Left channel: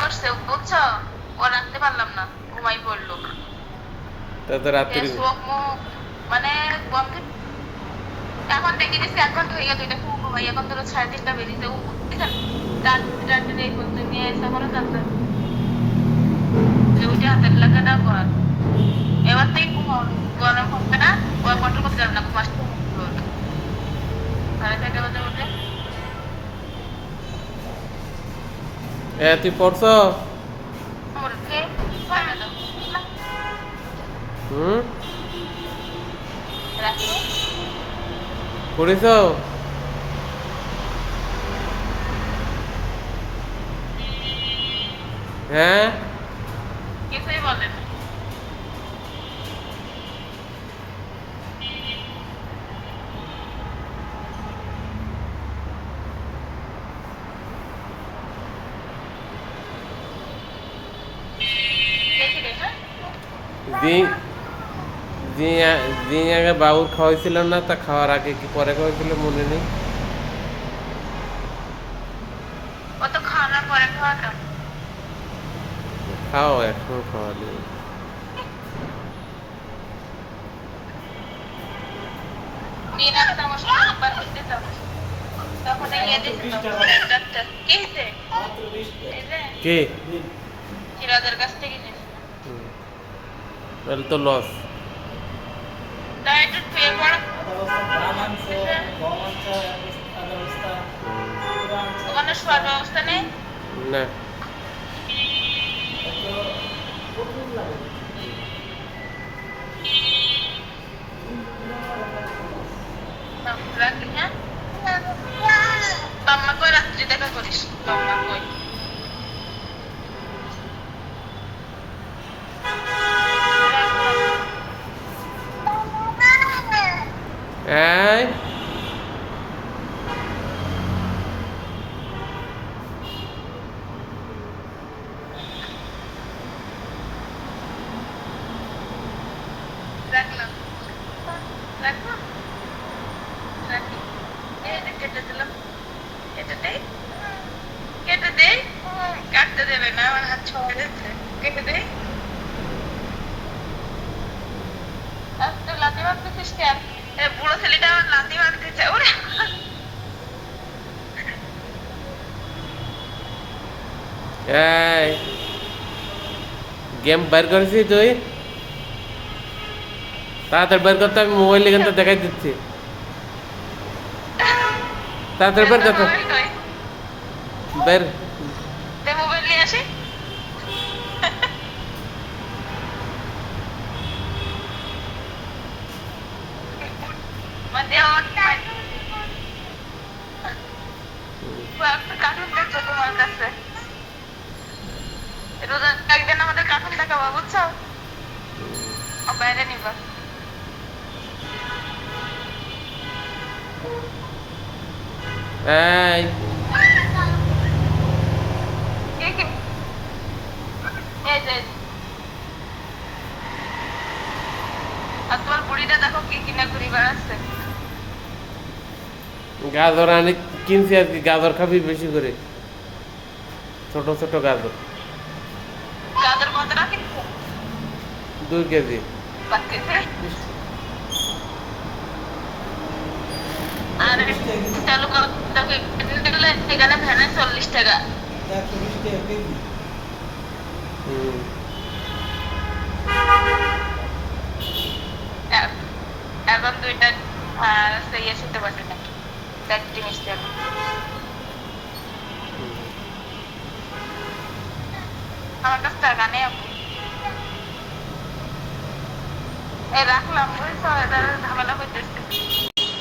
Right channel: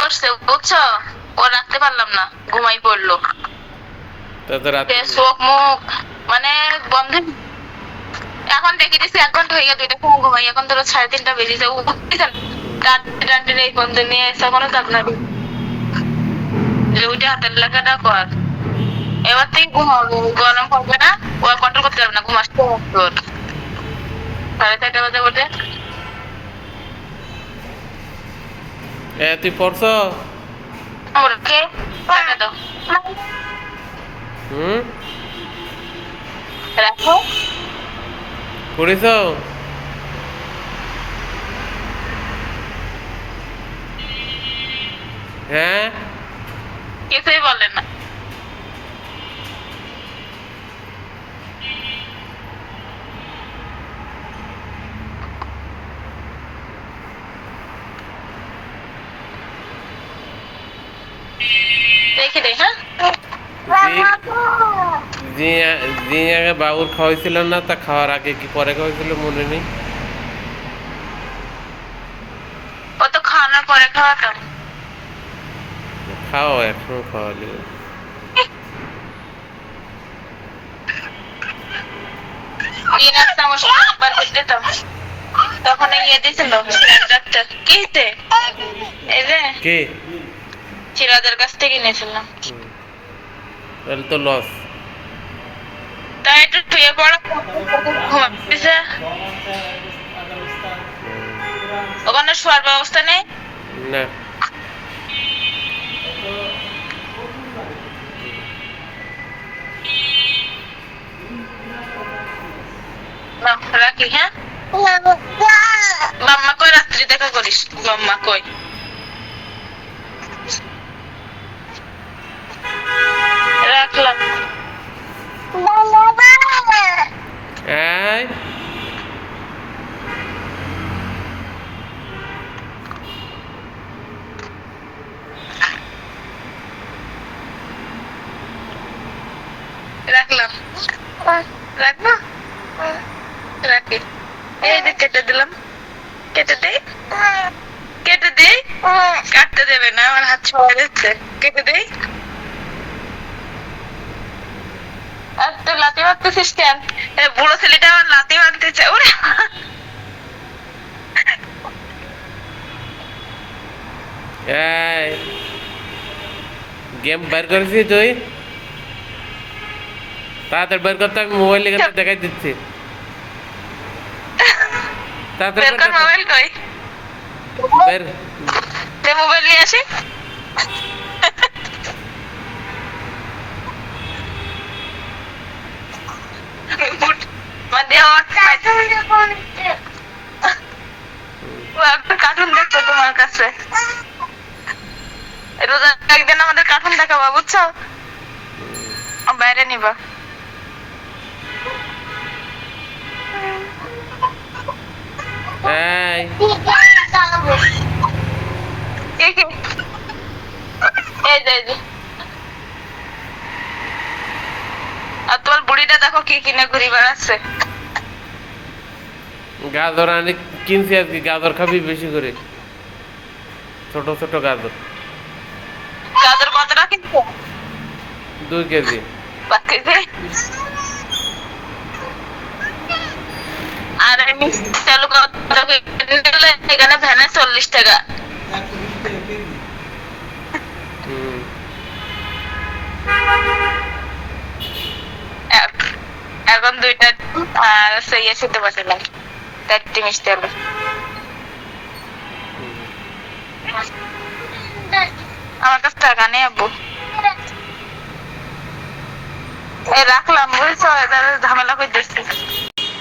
করছে বুঝছো, ও রাখতে পারলাম না, ঘুমাই পড়লো। তো রাত্রি চোখ মুখ মানে বন্ধ। এখন দেখে দিচ্ছি 1 ঘন্টা হয়ে গেছে, দুইটা ফোন ঘুমাই, এখন ধরো 3:30 বেজে যাবো। রাত্রে এই বন্ধ নিয়ে এসে এখনো চাপ না, ওইটা হাতের লেখাটা কর। এবার থেকে ঘুমাবো, গরম হবে না, ও কন্ট্রোল করতে যাবে না, ঘুমাসতে হবে। 4:30 বাজে বটে। তুই পড়ছ? ওকে দাও, হুম, রাখো। পড়েছ? হ্যাঁ, কিছুই বলে না। দেখি রে, হ্যাঁ যে আগে বাবুর খাওয়াইছিল না, তা খাওয়ার আগে কি পরে খাওয়াইছিল মনে নেই। ও তো খাওয়ানোর পরে খাওয়াতাম। খাও, একসময় খাওয়ালি। দিয়ে রাখতাম, ওর সাথে নাম্বার দিতাম, তখন ইয়ে দিছিল ডাক্তার। কি হইছে? এই যে কে? সিরাজের কাছ থেকে নিয়েছিলাম। তাহলে তো লস। তাই একটু শুয়ে পড়া ঘুমাইছে, ওখানে শোয়ার ব্যবস্থা নেই। না, রাখি, হ্যাঁ। মাম্মা কই রাত্রি দেখা করিস, মাম্মা কই? রাখলাম। এই রাখলাম, রাখবো, রাখি। এই যে কেটে দিলাম, কেটে দেই, কেটে দেই। কাটতে দেবে না, আমার হাত ছোঁয়া যাচ্ছে। কেটে দেই। আর তো লাথি মারতেছিস কেন? বুড়ো ছেলেটা আমার লাথি মারতেছে, ওরে। এই গেম বের করেছিস তুই? তাড়াতাড়ি বের করতে, আমি মোবাইল এখানে দেখাই দিচ্ছি। তাড়াতাড়ি বের করতে, মোবাইল কই? বের। মোবাইল নিয়ে আসি। একটা কার্টুন দেখতো তোমার কাছে, রোজা একদিন আমাদের কার্টুন দেখাবা বুঝছো, বাইরে নিবা। এই এই যে, এই যে। আর তোমার বুড়িটা দেখো কি কিনে ঘুরি বেড়াচ্ছে। গাজর আনি কিনছি আর কি, গাজর খাবি বেশি করে, ছোট ছোট গাজর। গাজর কতটা কিনছো? 2 কেজি। আর চালু এখানে ভ্যানে 40 টাকা। হুম, এখন 2টা আর ইয়ে খেতে পারছিলাম, 4টি মিষ্টি আলু। আমার কাছে টাকা নেই আপু। এই রাখলাম বুঝছো, এটা ঝামেলা করতেছি।